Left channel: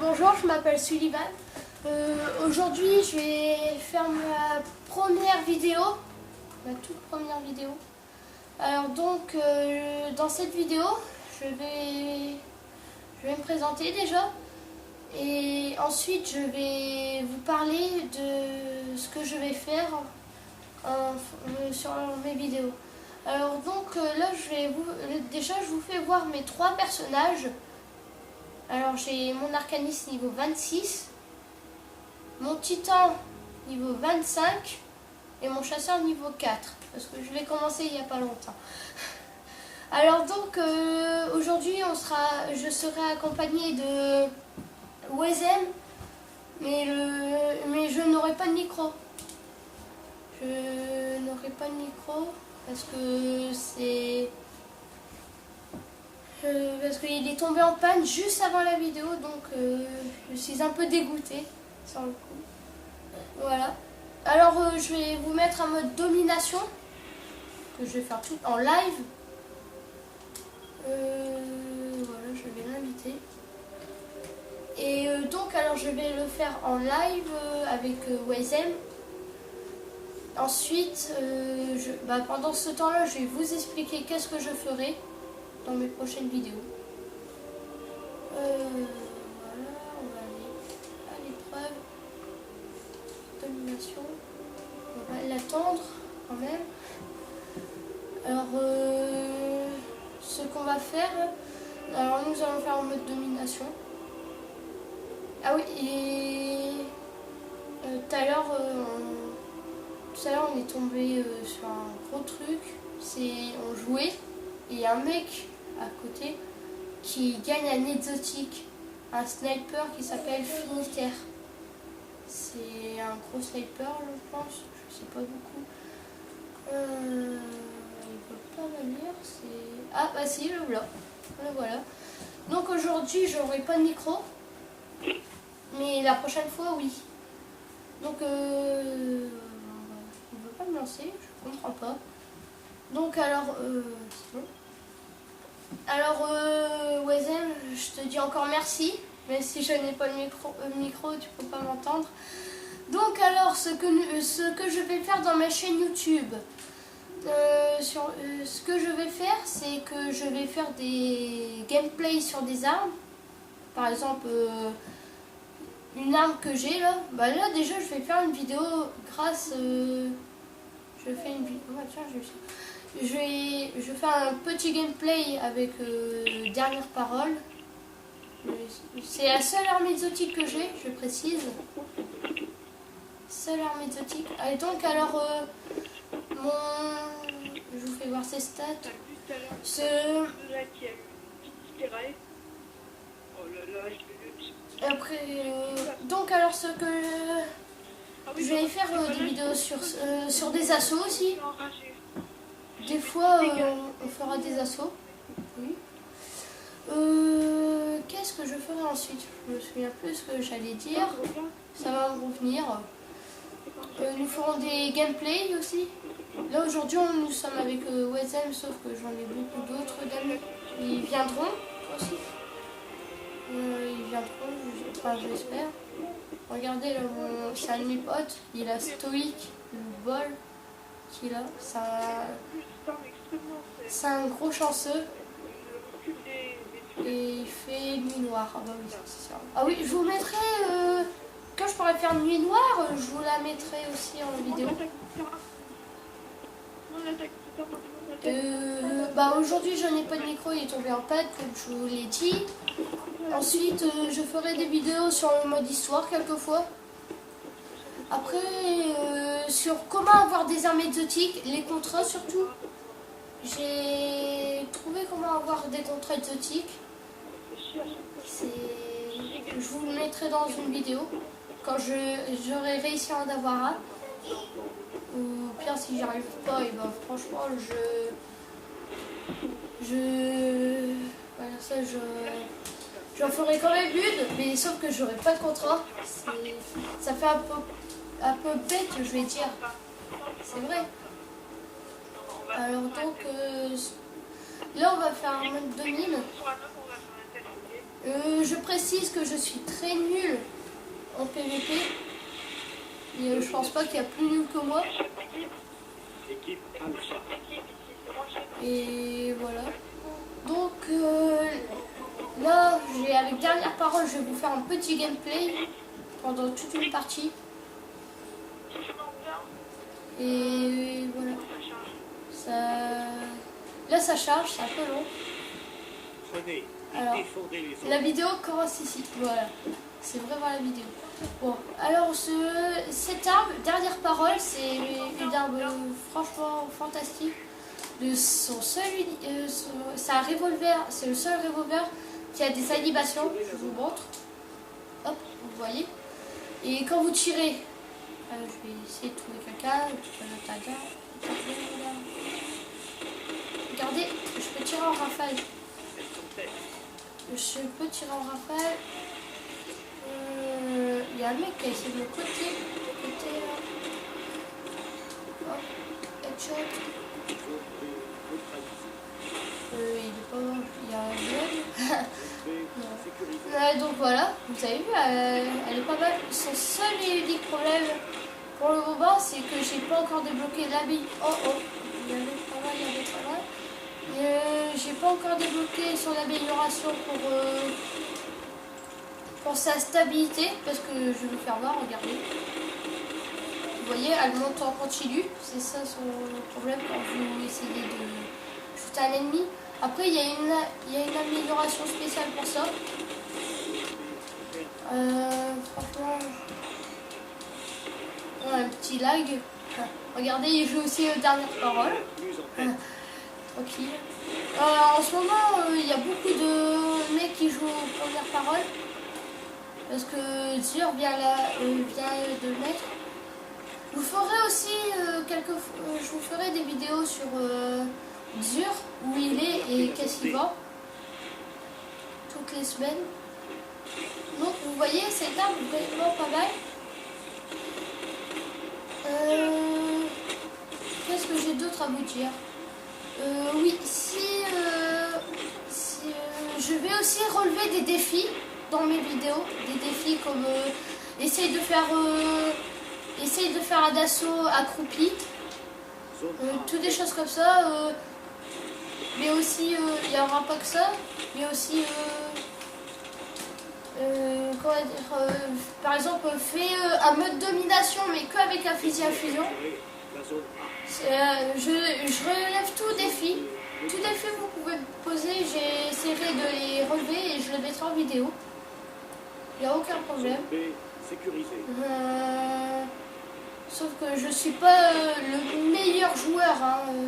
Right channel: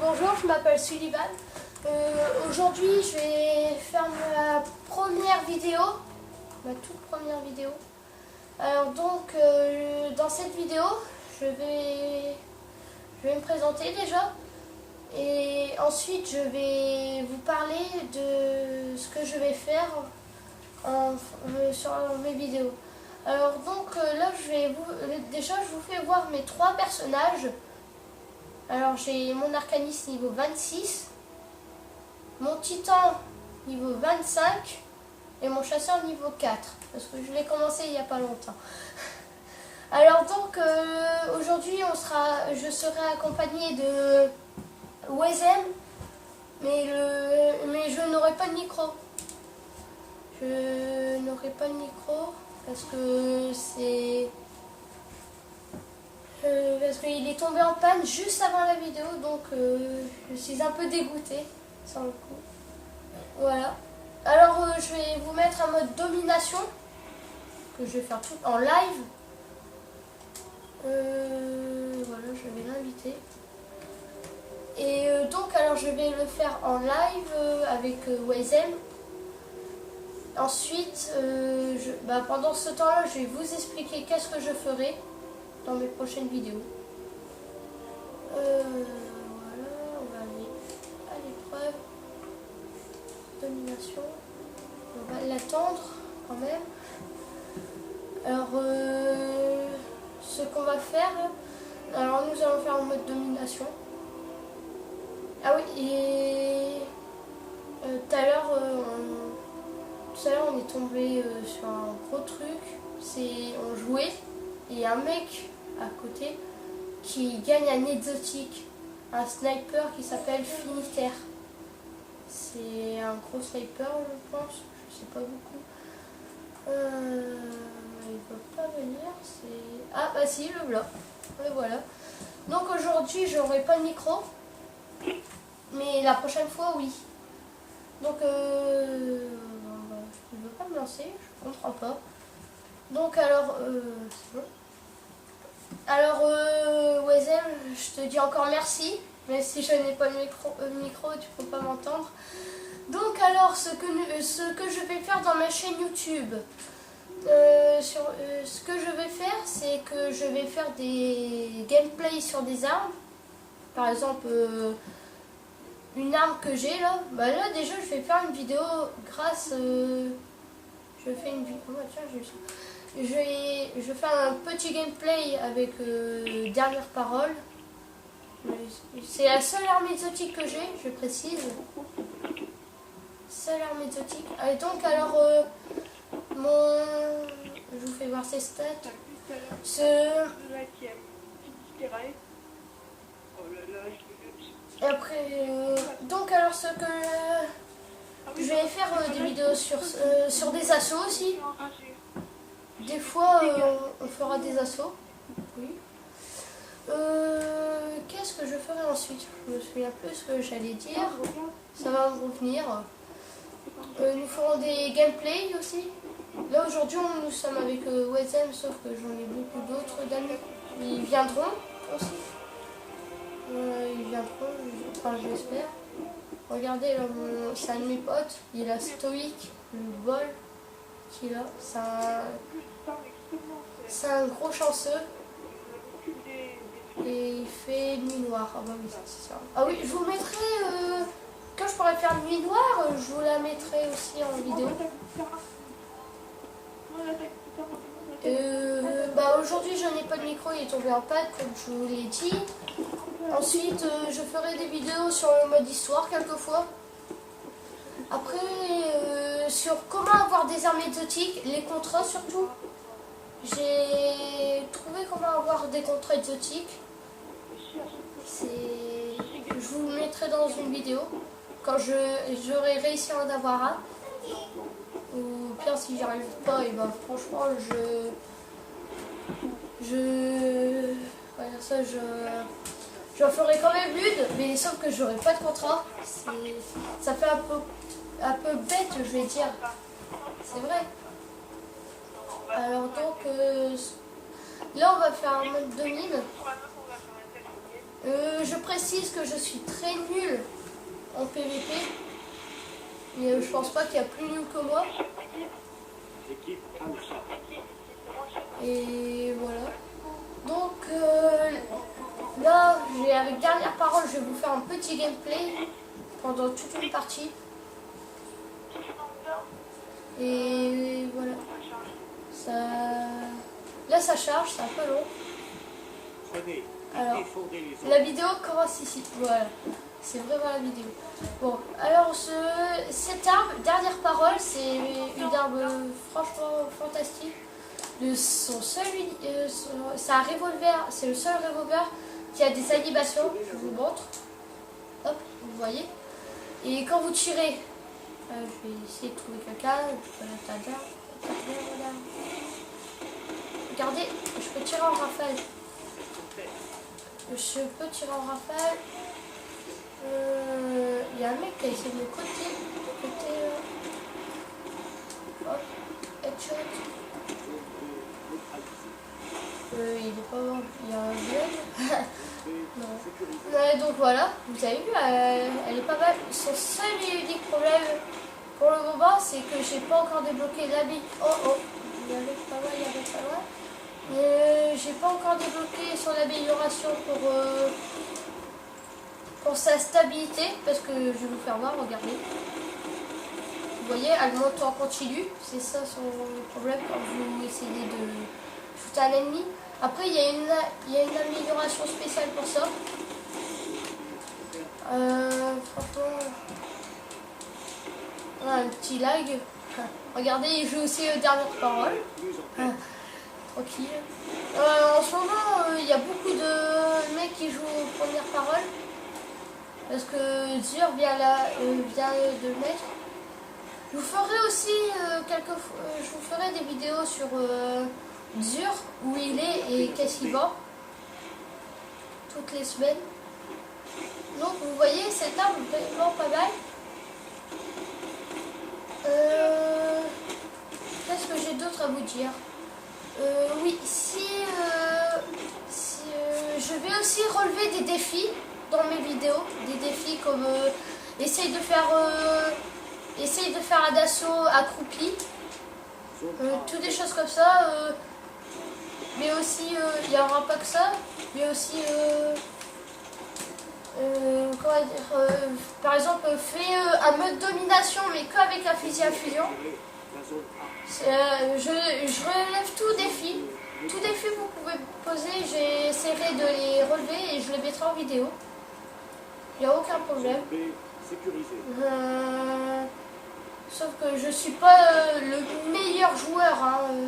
Bonjour, je m'appelle Sullivan. Aujourd'hui, je vais faire ma première vidéo, ma toute première vidéo. Alors donc, dans cette vidéo, je vais me présenter déjà. Et ensuite, je vais vous parler de ce que je vais faire sur mes vidéos. Alors donc, là, je vous fais voir mes 3 personnages. Alors j'ai mon arcaniste niveau 26, mon titan niveau 25 et mon chasseur niveau 4. Parce que je l'ai commencé il n'y a pas longtemps. Alors donc aujourd'hui je serai accompagné de Wesen, mais je n'aurai pas de micro. Je n'aurai pas de micro parce qu'il est tombé en panne juste avant la vidéo, donc je suis un peu dégoûtée sur le coup. Voilà. Alors je vais vous mettre en mode domination, que je vais faire tout en live. Voilà, je vais l'inviter. Et donc alors je vais le faire en live avec Wesen. Ensuite, pendant ce temps-là, je vais vous expliquer qu'est-ce que je ferai dans mes prochaines vidéos. Voilà, on va aller à l'épreuve. Domination. On va l'attendre quand même. Alors, ce qu'on va faire, alors nous allons faire en mode domination. Ah oui, et tout à l'heure, on est tombé sur un gros truc. On jouait et il y a un mec à côté qui gagne un exotique, un sniper qui s'appelle Finitaire. C'est un gros sniper, je pense, je sais pas beaucoup. Il ne peut pas venir, ah bah si, le voilà. Voilà. Donc aujourd'hui j'aurai pas de micro, mais la prochaine fois oui. Donc il veut pas me lancer, je comprends pas. Donc alors c'est bon. Alors, Wesen, je te dis encore merci, même si je n'ai pas de micro, tu peux pas m'entendre. Donc, alors, ce que je vais faire dans ma chaîne YouTube, ce que je vais faire, c'est que je vais faire des gameplays sur des armes. Par exemple, une arme que j'ai là, là déjà, je vais faire une vidéo grâce. Je fais une vidéo. Oh, tiens, je fais un petit gameplay avec dernière parole. C'est la seule arme exotique que j'ai, je précise. Seule arme exotique. Et donc alors je vous fais voir ses stats. Après donc alors ce que je vais faire des vidéos sur des assauts aussi. Des fois, on fera des assauts. Oui. Qu'est-ce que je ferai ensuite? Je me souviens plus ce que j'allais dire. Ça va me revenir. Nous ferons des gameplays aussi. Là, aujourd'hui, nous sommes avec Wesen, sauf que j'en ai beaucoup d'autres d'amis. Ils viendront aussi. Ils viendront, enfin, j'espère. Regardez, là, c'est un de mes potes. Il a stoïque, le bol. Qui là, c'est un gros chanceux et il fait nuit noire. Ah, bon, c'est ça. Ah oui, je vous mettrai quand je pourrai faire nuit noire, je vous la mettrai aussi en vidéo. Aujourd'hui je n'ai pas de micro, il est tombé en panne comme je vous l'ai dit. Ensuite je ferai des vidéos sur le mode histoire quelquefois. Après, sur comment avoir des armes exotiques, les contrats surtout. J'ai trouvé comment avoir des contrats exotiques. Je vous le mettrai dans une vidéo quand j'aurai réussi à en avoir un. Ou pire, si j'y arrive pas, et franchement, voilà, ça, j'en ferai quand même une, mais sauf que j'aurai pas de contrat. Ça fait un peu bête, je vais dire. C'est vrai. Alors donc, là on va faire un mode 2000. Je précise que je suis très nul en PVP. Mais je pense pas qu'il y a plus nul que moi. Et voilà. Donc là, avec dernière parole, je vais vous faire un petit gameplay pendant toute une partie. Et voilà. Là, ça charge, c'est un peu long. Alors, la vidéo commence ici. Voilà. C'est vraiment la vidéo. Bon, alors cette arme, dernière parole, c'est une arme franchement fantastique. C'est un revolver, c'est le seul revolver qui a des animations. Je vous montre. Hop, vous voyez. Et quand vous tirez, je vais essayer de trouver quelqu'un. Regardez, je peux tirer en rafale. Je peux tirer en rafale. Il y a un mec qui a essayé de me côté. Hop, headshot. Il est pas. Il y a un bug. Donc voilà, vous avez vu, elle est pas mal. Son seul et unique problème pour le moment, c'est que j'ai pas encore débloqué l'habilitation. Il y avait pas mal. J'ai pas encore débloqué son amélioration pour sa stabilité, parce que je vais vous faire voir, regardez. Vous voyez, elle monte en continu, c'est ça son problème quand vous essayez de shooter un ennemi. Après, il y a une amélioration spéciale pour ça. Franchement, un petit lag. Regardez, il joue aussi aux dernières paroles. Tranquille. En ce moment, il y a beaucoup de mecs qui jouent aux premières paroles. Parce que Zur vient de le mettre. Je vous ferai aussi je vous ferai des vidéos sur Zur, où il est et qu'est-ce qu'il vend. Toutes les semaines. Donc vous voyez, cette arme est vraiment pas mal. Qu'est-ce que j'ai d'autre à vous dire? Oui, je vais aussi relever des défis dans mes vidéos. Des défis comme essaye de faire un assaut accroupi. Toutes des choses comme ça. Mais aussi, il n'y aura pas que ça. Mais aussi, par exemple, fais un mode domination, mais qu'avec un fusil à fusion. Je relève tout défi. Tout défi que vous pouvez poser, j'essaierai de les relever et je les mettrai en vidéo. Il n'y a aucun problème. Sauf que je suis pas le meilleur joueur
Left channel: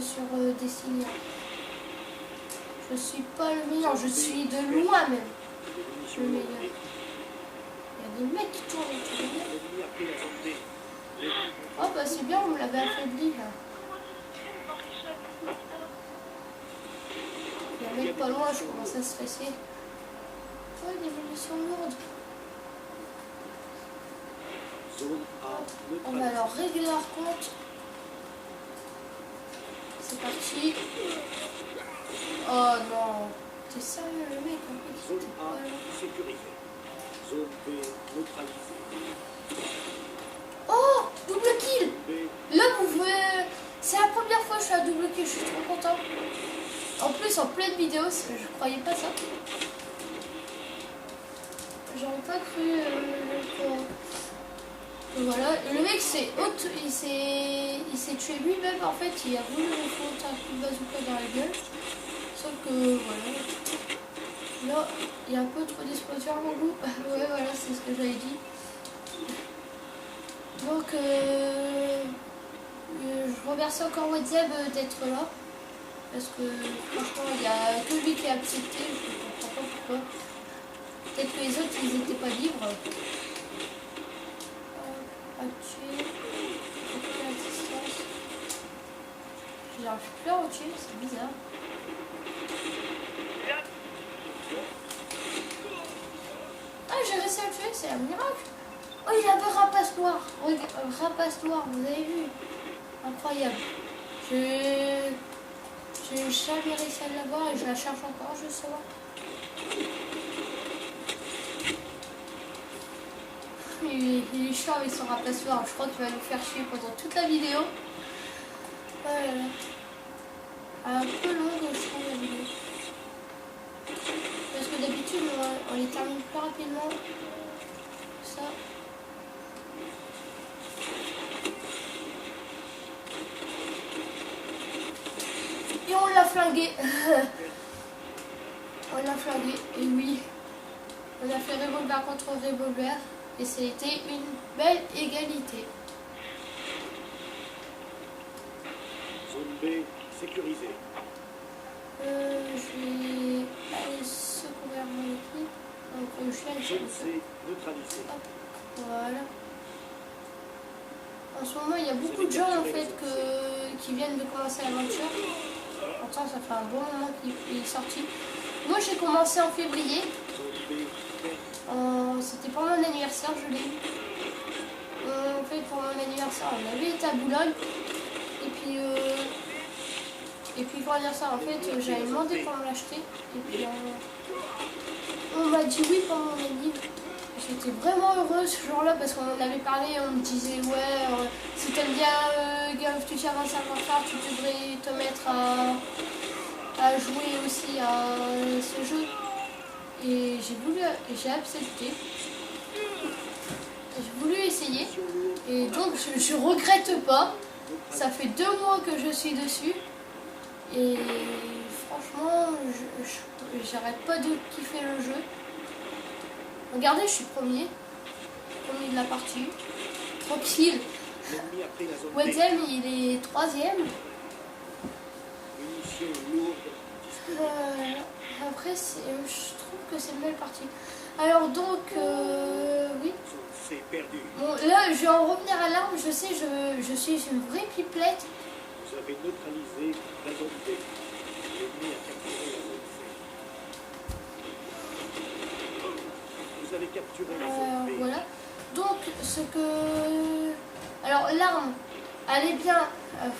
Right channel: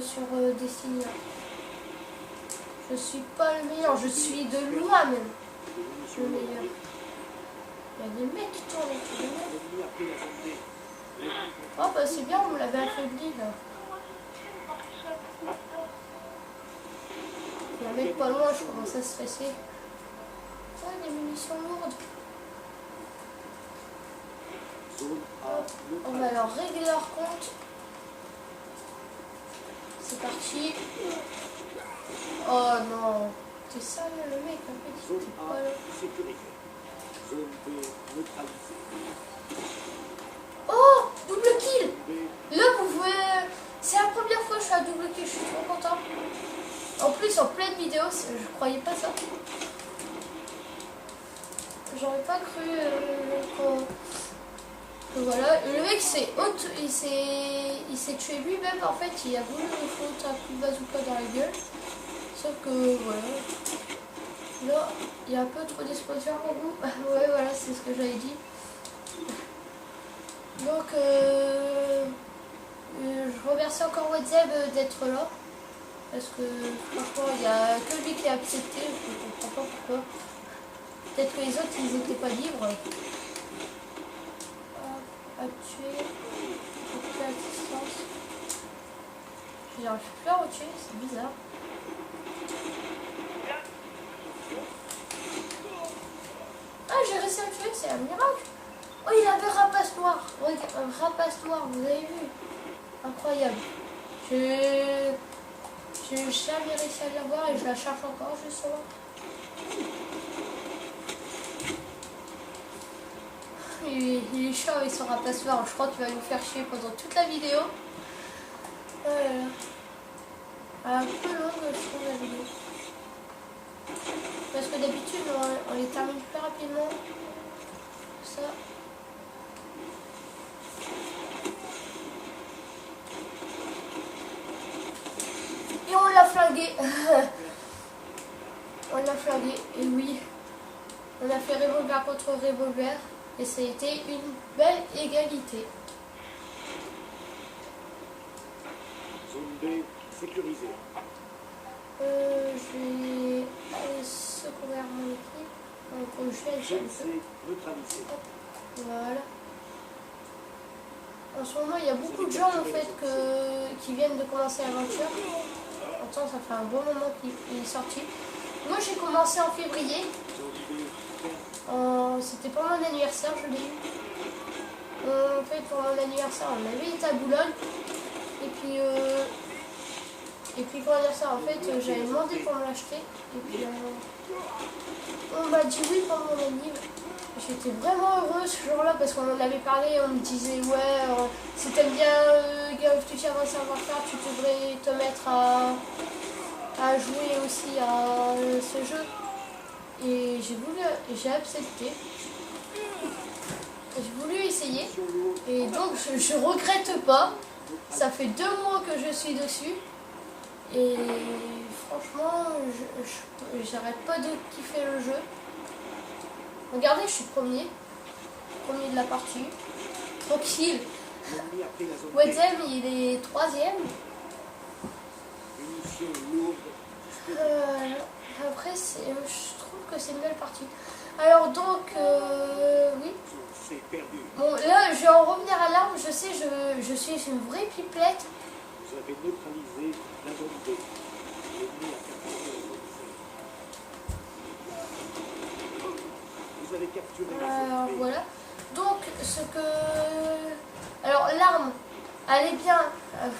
sur Destiny. Je suis pas le meilleur, je suis de loin même. Le meilleur. Il y a des mecs qui tournent autour de moi. Oh bah c'est bien, on l'avait affaibli là. Il y a un mec pas loin, je commence à stresser. Oh, des munitions lourdes. On va alors régler leur compte. C'est parti. Oh non. T'es sérieux le mec en fait. Zone A sécurisée. Zone B neutralisée. Oh, double kill. Là vous pouvez... C'est la première fois que je fais un double kill, je suis trop content. En plus en pleine vidéo, je croyais pas ça. J'aurais pas cru voilà, le mec il s'est tué lui-même en fait, il a voulu me foutre un coup de bazooka dans la gueule. Sauf que voilà. Là, il y a un peu trop d'explosion en nous. Ouais voilà, c'est ce que j'avais dit. Donc je remercie encore WhatsApp d'être là. Parce que franchement il y a que lui qui a accepté, je ne comprends pas pourquoi. Peut-être que les autres ils n'étaient pas libres. À tuer. À distance. J'arrive plus à retuer, c'est bizarre. Ah j'ai réussi à le tuer, c'est un miracle. Oh il avait rapace noir. Oui, rapace noir, vous avez vu. Incroyable. J'ai jamais réussi à l'avoir et je la cherche encore justement. il est chiant avec son remplacement. Je crois qu'il va nous faire chier pendant toute la vidéo. Voilà. Un peu longue, je trouve, la vidéo. Parce que d'habitude, on les termine plus rapidement. Ça. Et on l'a flingué. On l'a flingué, et oui. On a fait revolver contre revolver. Et ça a été une belle égalité. Zone B sécurisée. Je vais aller secourir mon équipe. Donc je vais Zone C neutralisée. Voilà. En ce moment, il y a beaucoup de gens en fait qui viennent de commencer l'aventure. Pourtant, ça fait un bon moment qu'il est sorti. Moi, j'ai commencé en février. C'était pour mon anniversaire, je l'ai eu. En fait, pour mon anniversaire, on avait été à Boulogne. Et puis comment dire ça, en fait, j'avais demandé pour me l'acheter. Et puis, on m'a dit oui pour mon anniversaire. J'étais vraiment heureuse ce jour-là parce qu'on en avait parlé. On me disait, ouais, si t'aimes bien Game of Thrones à savoir-faire, tu devrais te mettre à jouer aussi à ce jeu. Et j'ai accepté. J'ai voulu essayer. Et donc, je regrette pas. Ça fait 2 mois que je suis dessus. Et franchement, j'arrête pas de kiffer le jeu. Regardez, je suis premier de la partie. Tranquille. Wedzem, il est 3e. Après, je trouve que c'est une belle partie. Alors donc, oui. Bon, là, je vais en revenir à l'arme. Je sais, je suis une vraie pipelette. Vous avez neutralisé la zone B. L'ennemi a capturé la zone C. Vous avez capturé la zone B. Voilà. Donc, alors, l'arme, elle est bien.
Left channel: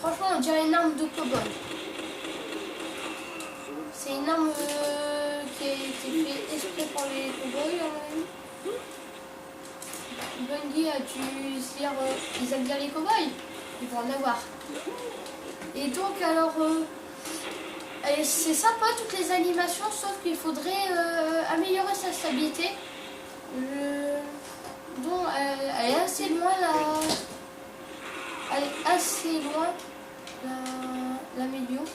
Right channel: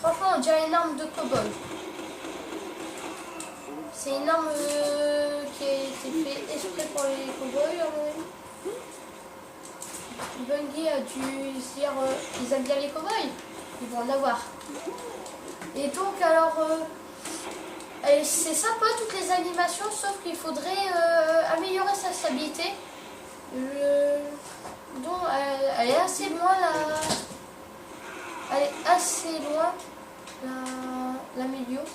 Franchement, on dirait une arme de cow-boy. C'est une arme qui a été faite exprès pour les cow-boys, à mon avis. Bungie a dû se dire ils aiment bien les cow-boys, ils vont en avoir. Et donc, alors, c'est sympa toutes les animations, sauf qu'il faudrait améliorer sa stabilité. Donc, elle est assez loin l'améliorer.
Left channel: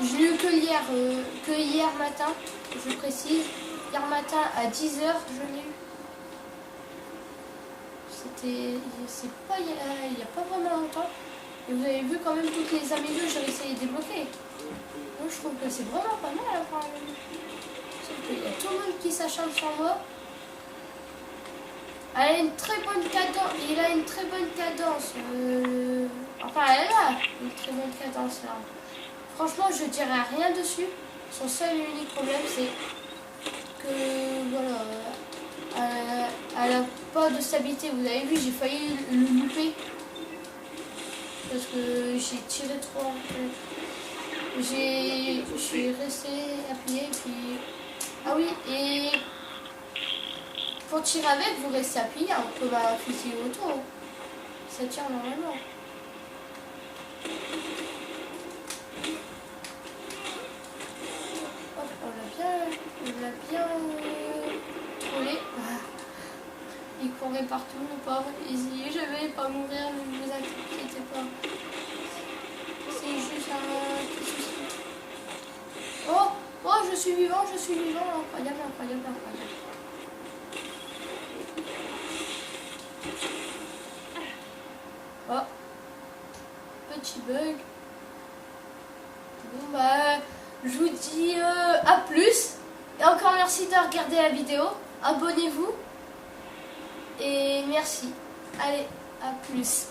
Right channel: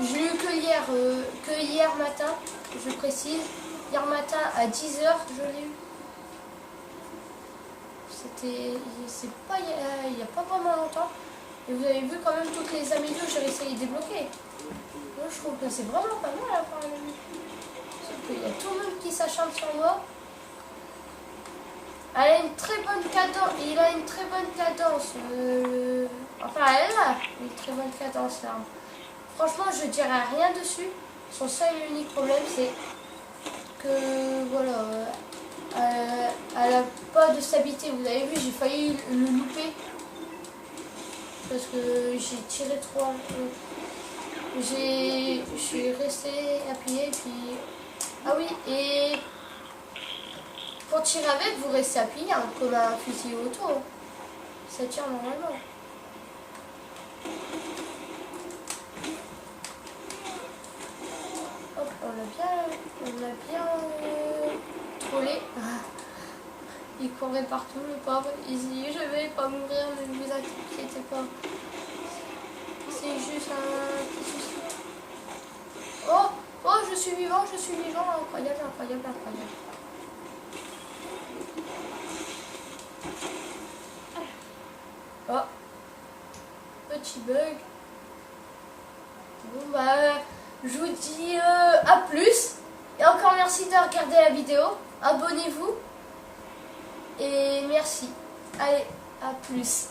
Je l'ai eu que hier matin, je précise. Hier matin à 10h, je l'ai eu. C'est pas il n'y a pas vraiment longtemps. Et vous avez vu quand même toutes les améliorations que j'avais essayé de débloquer. Moi, je trouve que c'est vraiment pas mal à part. Sauf qu'il y a tout le monde qui s'acharne sur moi. Elle a une très bonne cadence. Il a une très bonne cadence. Enfin, elle a une très bonne cadence là. Franchement, je dirais rien dessus. Son seul et unique problème, c'est que voilà, elle n'a pas de stabilité. Vous avez vu, j'ai failli le louper parce que j'ai tiré trop. Je suis resté appuyé. Puis ah oui, et pour tirer avec, vous restez appuyé comme un fusil auto. Ça tire normalement. On l'a bien trollé. Il courait partout, le pauvre. Il dit, je vais pas mourir, ne vous inquiétez pas. C'est juste un petit souci. Oh, je suis vivant. Incroyable. Oh, petit bug. Bon, bah, je vous dis à plus. Et encore merci de regarder la vidéo. Abonnez-vous. Et merci. Allez, à plus.